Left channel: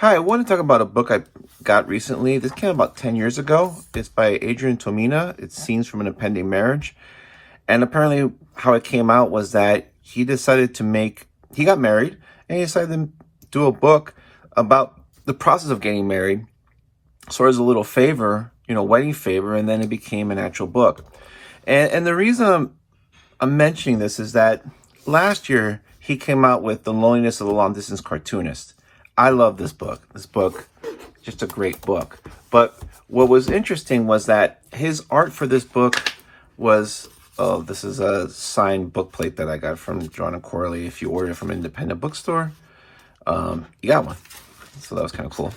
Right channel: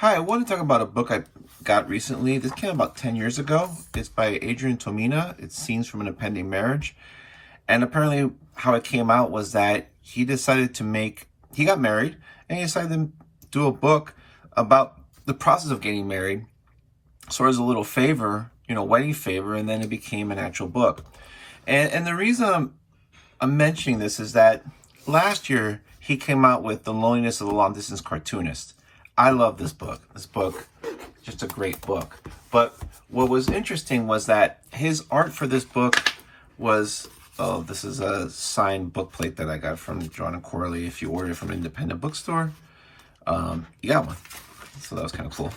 Hi, I want to talk about a book I got recently. This came about 10 years ago. It's by Adrian Tomine. It's Scenes from an Impending Marriage. And apparently how it came out was that he got married and he decided to do a book about the process of getting married, sort of as a little favor, wedding favor, and then it became an actual book. And the reason I'm mentioning this is that last year he came out with The Loneliness of a Long Distance Cartoonist. I love this book. Just a great book. But what was interesting was that his art for this book was, this is a signed book plate that I got from John and Corley. If you order it from an independent bookstore, you got one. So that was kind of cool.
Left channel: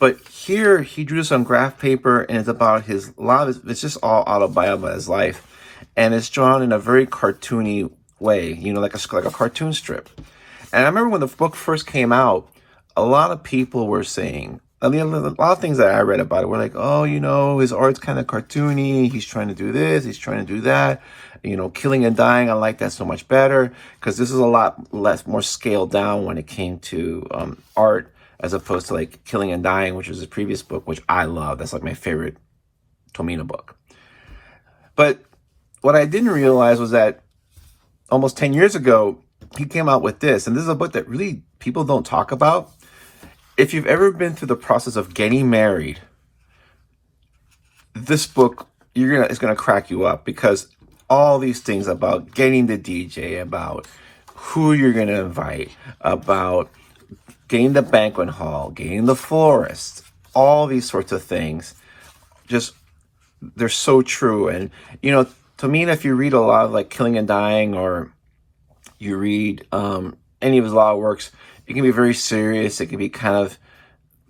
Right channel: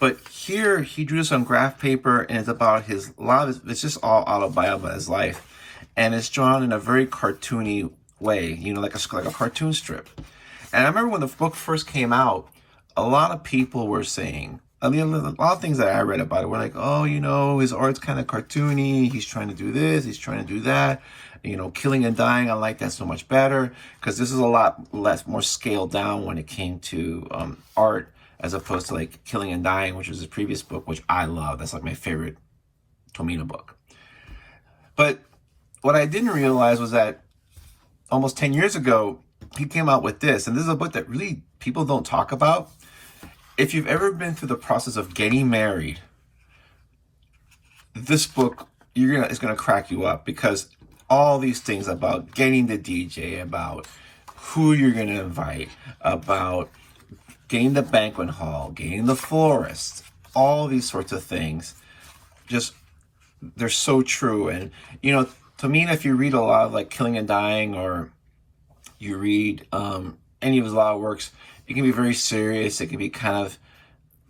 But here he drew this on graph paper, and it's about it's just all autobiography about his life. And it's drawn in a very cartoony way, like a cartoon strip. And I remember when the book first came out, a lot of people were saying, a lot of things that I read about it were like, oh, his art's kind of cartoony. He's trying to do this. He's trying to do that. Killing and Dying, I like that so much better because this is a lot more scaled down when it came to art as opposed to like Killing and Dying, which was his previous book, which I love. That's like my favorite Tomine book. But what I didn't realize was that almost 10 years ago, he came out with this, and this is a book that really people don't talk about. If you've ever been through the process of getting married, this book is gonna crack you up because all these things about getting the DJ, about who you're gonna invite, about getting the banquet hall, getting the florist, all these sorts of things, they're so true. And to me, if you read a lot of like Killing and Dying, or you read any of his law works, it can be very serious. It can be kind of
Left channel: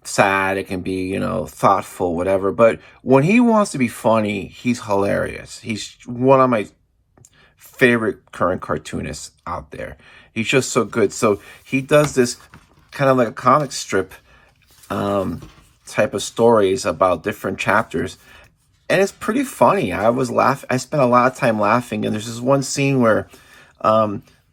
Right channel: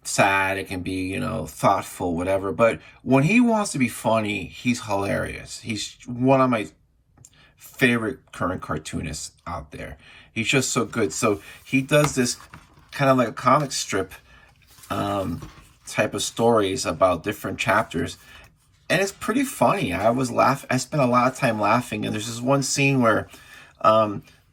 sad. It can be, thoughtful, whatever. But when he wants to be funny, he's hilarious. He's one of my favorite current cartoonists out there. He's just so good. So he does this kind of like a comic strip type of stories about different chapters. And it's pretty funny. I spent a lot of time laughing. And there's this one scene where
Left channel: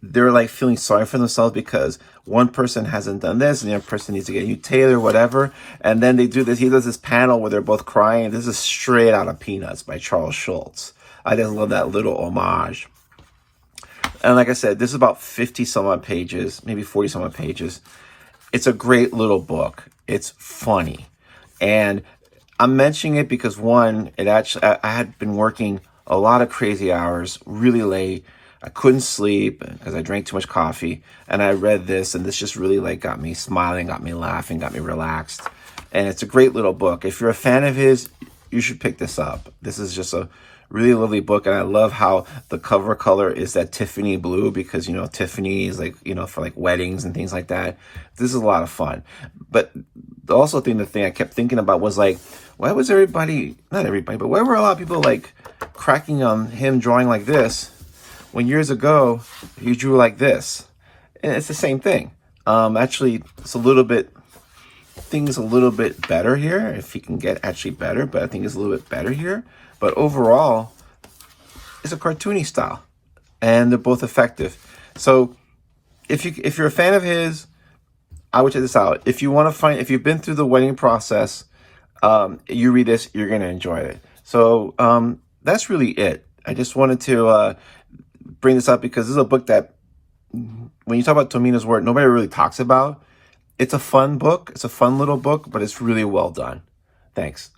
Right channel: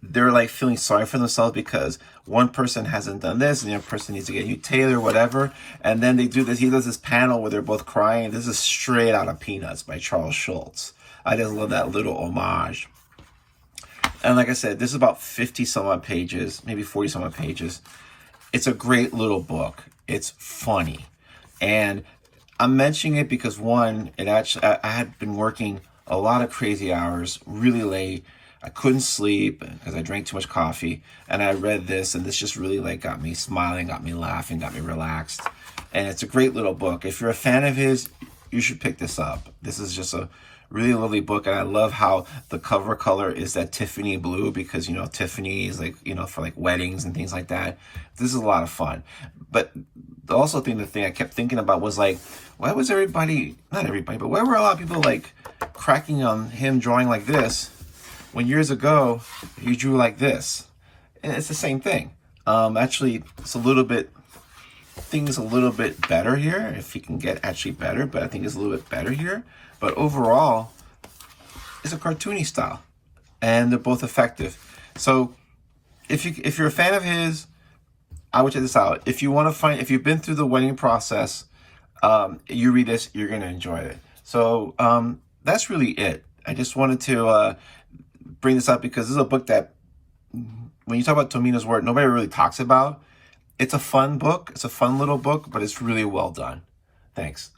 they're like feeling sorry for themselves because one person hasn't done this and the other person needs to get a new tailor, whatever. And then he does this panel where they're both crying. This is straight out of Peanuts by Charles Schulz. I just love that little homage. And like I said, this is about 50 some odd pages, maybe 40 some odd pages. It's a great little book. It's funny. And I'm mentioning it because one, I had been working a lot of crazy hours, really late. I couldn't sleep because I drank too much coffee, and I read this, and this just really got me smiling, got me laughing, got me relaxed. And it's a great little book. If you're a fan of his, you should pick this up. This is just a really lovely book, and I love how the cover color is that Tiffany blue because, Tiffany is for like weddings and things like that. This is a lot of fun. But also the thing I kept thinking about was like, why was not everybody, but why were a lot of people like cracking on him drawing like this when years ago you drew like this? And it's the same thing. Actually, things a little bit better here, if he can get actually better, but I think it's a little bit better here. But overall, it's a cartoony style, and they're both effective. So if you're a fan of his, I would check this out. If you've been through the wedding process, you read this, you're gonna enjoy it. So that's really it. I just wanted to bring this up because this is a book that, when you talk about Tomine's work, nobody really talks about. It's a fun book. It's a fun little book, but it's really well done. Thanks.